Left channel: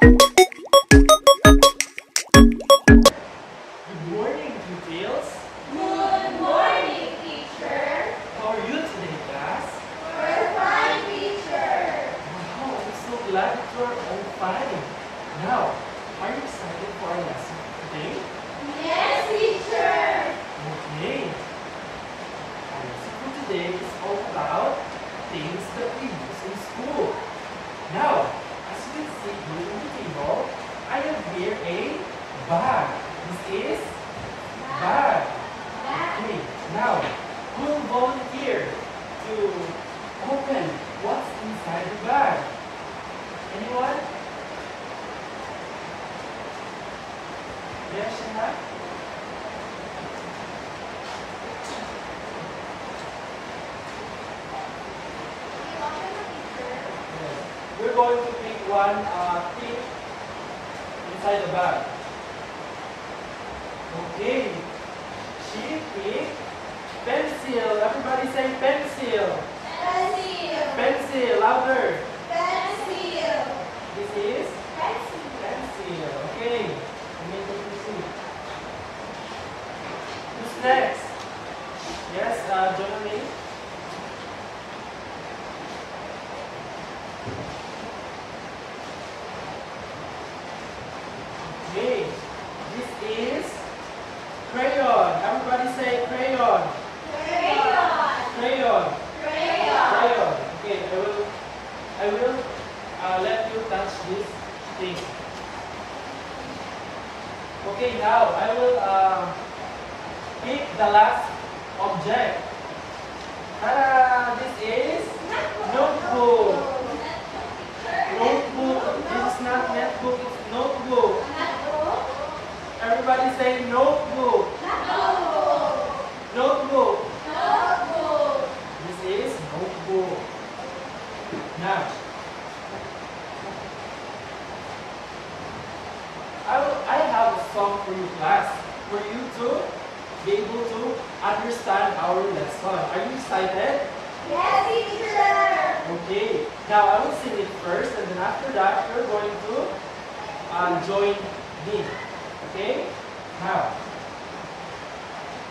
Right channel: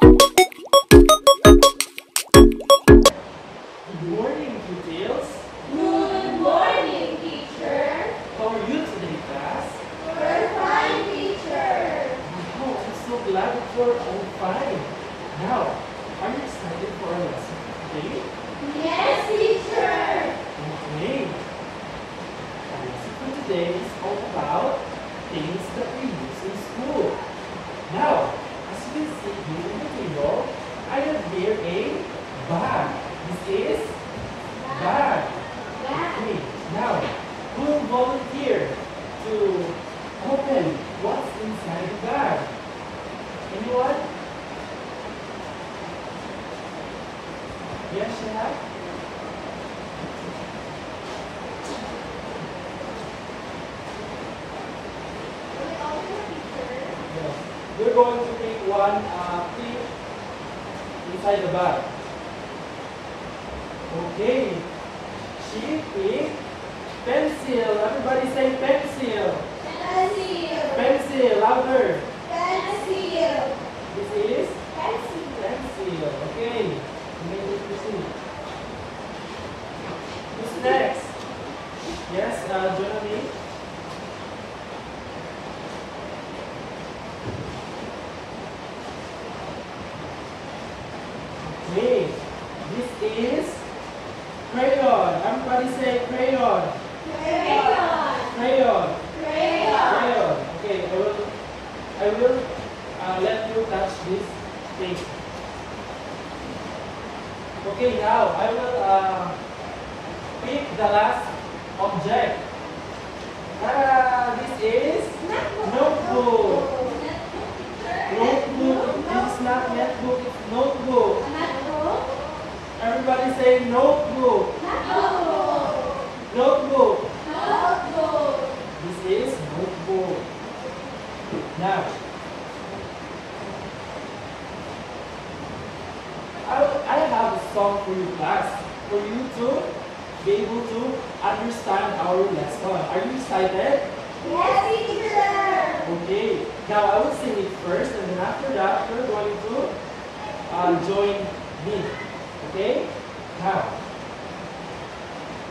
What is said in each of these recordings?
Good morning, pupils. Good morning, teacher. How are you today, class? We're fine, teacher. Wow, I'm so glad that you're all fine. Now, are you excited for our lesson today? Yes, teacher. Okay. Our lesson for today is all about things that we use in school. Now, as you can see here on the table, I have here a bag. This is bag. Okay, now, who will volunteer to open what's inside the bag? Anyone? Yes, Shana? Yes. We're going to pick one tip inside the bag. Okay. She picked pencil. Everybody say pencil. Pencil. Pencil. Louder. Pencil. This is Pencil. pencil. Okay. You may take your seat. Who's next? Yes, join me. Okay. This is crayon. Everybody say crayon. Crayon. Crayon. Crayon. Crayon. Okay, I will let you touch this thing. Okay, now I will pick the last object. This is notebook. Notebook. This is not netbook, it's notebook. Notebook. Everybody say notebook. Notebook. Notebook. Notebook. This is notebook. Now, I have a song for you, class, for you to be able to understand our lesson. Are you excited? Yes, teacher. Okay. Now, I will sing it first, and then after that, you're going to join me. Okay? Now,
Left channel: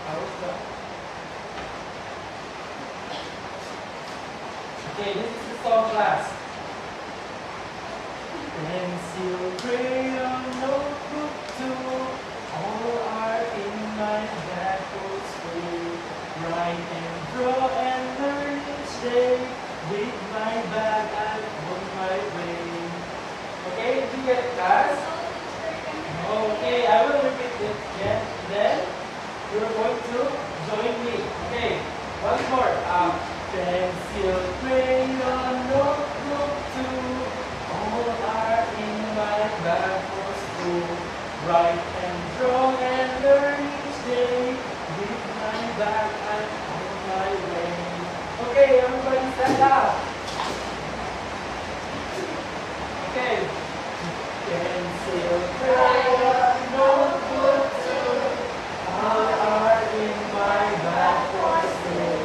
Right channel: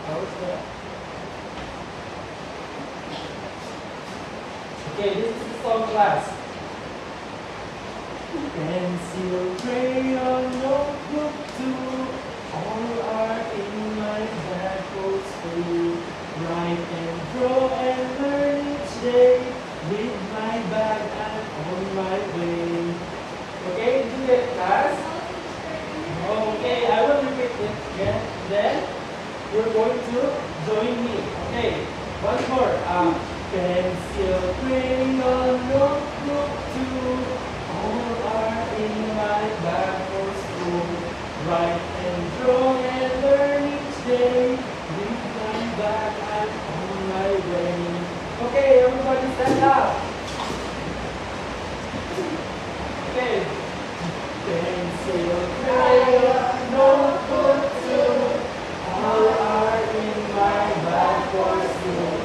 how's that? Okay, this is the song, class. Pencil, crayon, notebook too, all are in my bag for school. Write and draw and learn each day. With my bag I'm on my way. Okay, do you get it, class? Okay, I will repeat it again. Then you're going to join me. Okay, once more. Pencil, crayon, notebook too. All are in my bag for school. Write and draw and learn each day. With my bag I'm on my way. Okay, everybody stand up. Okay. Pencil, crayon, notebook too. All are in my bag for school.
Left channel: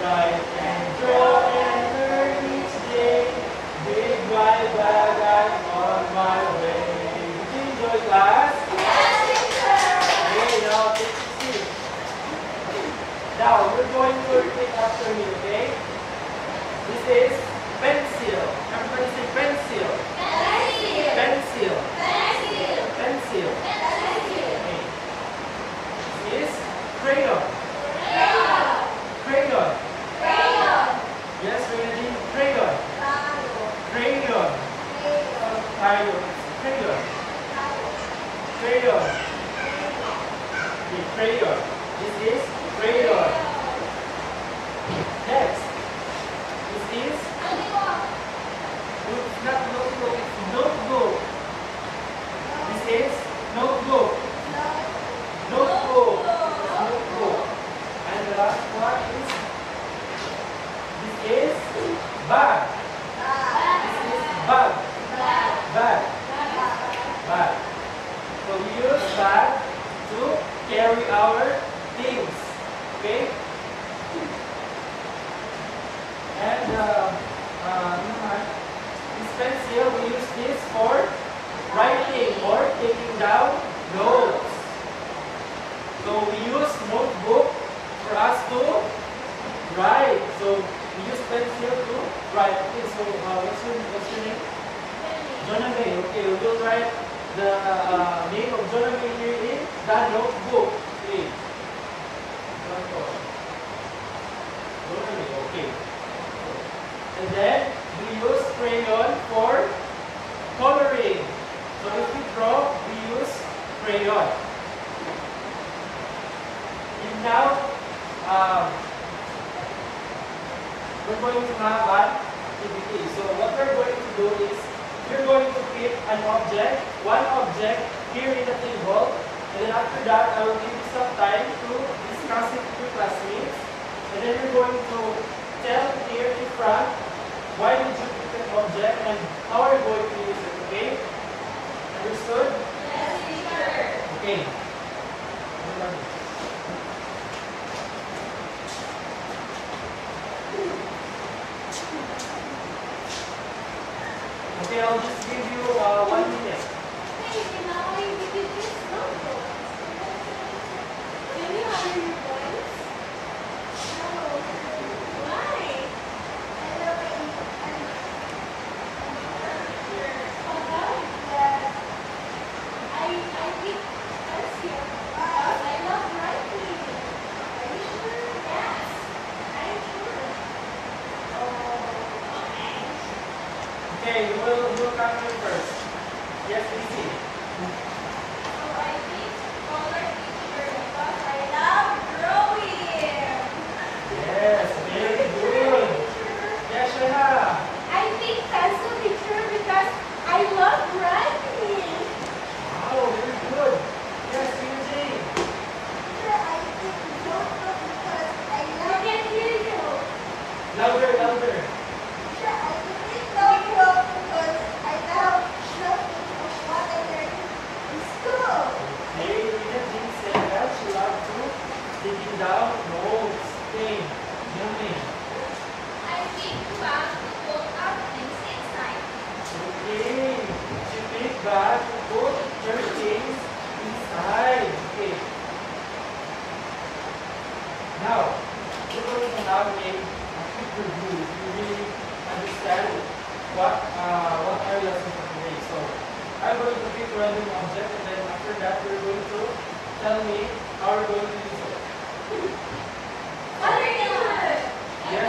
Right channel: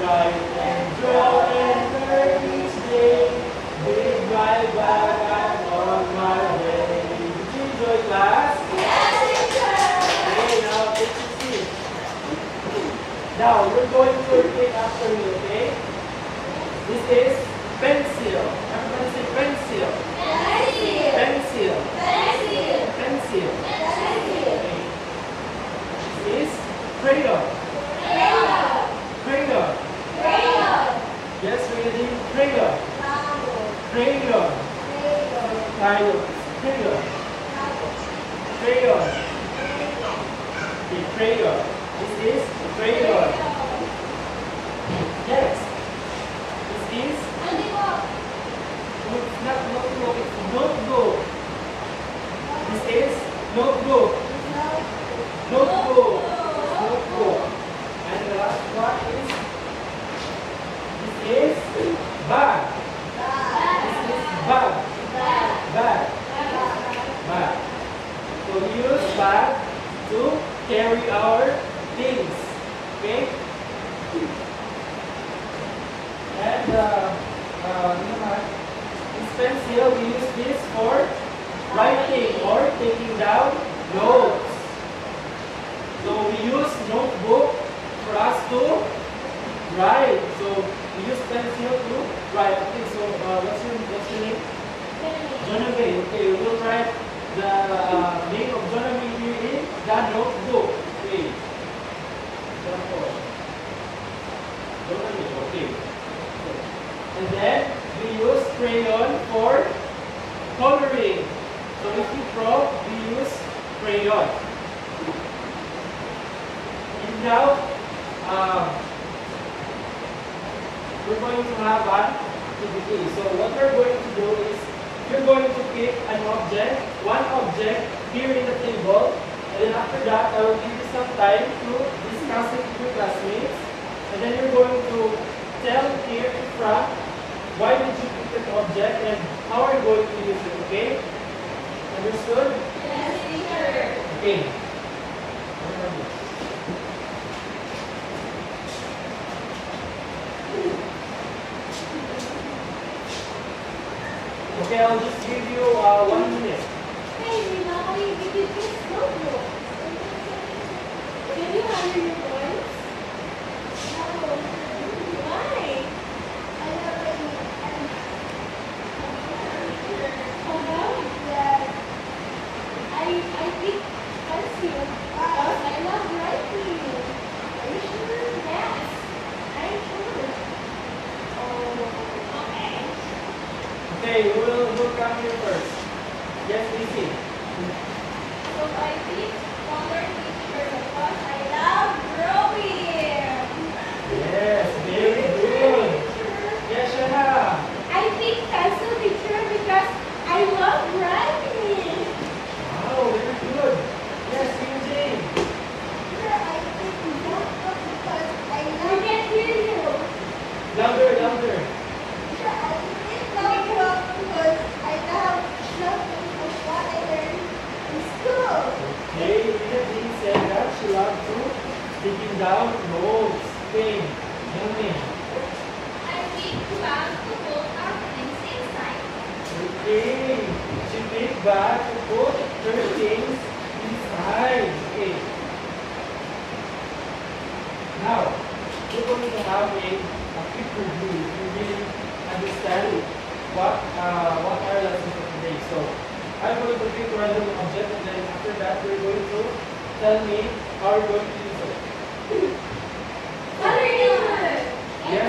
Write and draw and learn each day. With my bag I'm on my way. Did you enjoy, class? Yes, teacher. Okay, now take your seat. Now you're going to repeat after me, okay? This is pencil. Everybody say pencil. Pencil. Pencil. Pencil. Pencil. Pencil. Okay. This is crayon. Crayon. Crayon. Crayon. Yes, ready? Crayon. Crayon. Crayon. Crayon. Crayon. The crayon. This is crayon. Next. This is not notebook, it's notebook. This is notebook. Notebook. Notebook. And the last one is this is bag. This is bag. Bag. Bag. So we use bag to carry our things. Okay? And naman, this pencil, we use this for Jonabay. Okay, we will write the name of Jonabay here in the notebook. Okay. Jonabay. Okay. And then we use crayon for coloring. So if we draw, we use crayon. And now, we're going to have an activity. So what we're going to do is, we're going to pick an object, one object here in the table, and then after that, I will give you some time to discuss it with your classmates. And then you're going to tell here in front, why did you pick that object and how are you going to use it, okay? Understood? Yes, teacher. Okay. Okay, I'll just give you 1 minute. Hey, Mommy, we could just notebook. Can you hire your voice? No. Why? I love it. About that, I think fancy because I love writing. Are you sure? Yes, I'm sure. Oh, okay. Okay, we'll come here first. Yes, Lizzie. So I think color picture because I love drawing. Yes, very good. Yes, Shana. I think pencil picture because I love writing. Wow, very good. Yes, Jane. I think notebook because I love. I can hear you. Louder, louder. I think notebook because I love noting what I learned in school. Okay, Lizzie said that she loves to taking down notes. Okay, learning. I think bag to put our things inside. Okay, she picked back to put her things inside. Okay. Now, we're going to have a quick review. You really understand what our lesson for today. So, I'm going to pick a random object, and then after that, you're going to tell me how you're going to use it. What are you doing? Yes.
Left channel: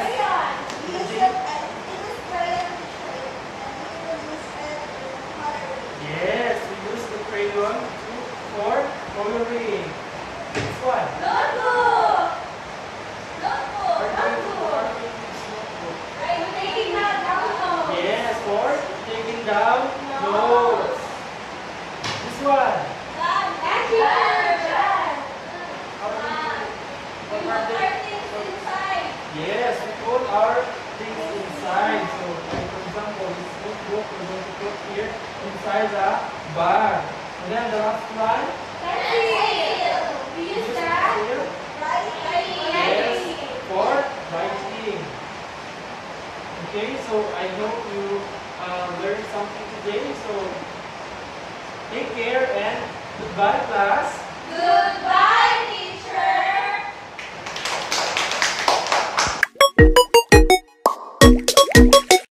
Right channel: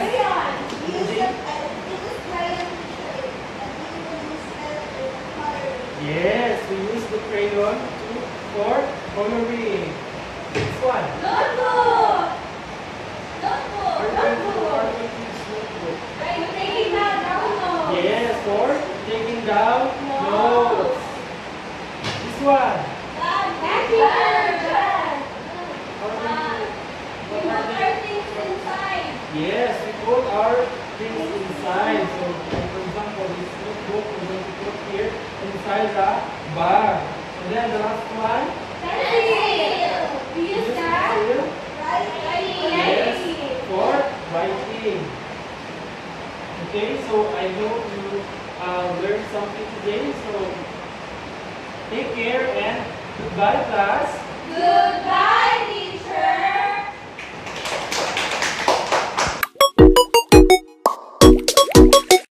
Use it as use crayon picture and you will use it with coloring. Yes, we use the crayon for coloring. This one. Notebook! Are you going to use notebook? I'm taking that down. Yes, for taking down notes. This one. Thank you. How do We what put are our they? things inside. Yes, we put our things inside. So, for example, this notebook we're going to put here inside the bag. And then the last one. Pencil. We use Use that. pencil. Yes, Writing. for writing. Okay, so I hope you learned something today. So take care and goodbye, class. Goodbye.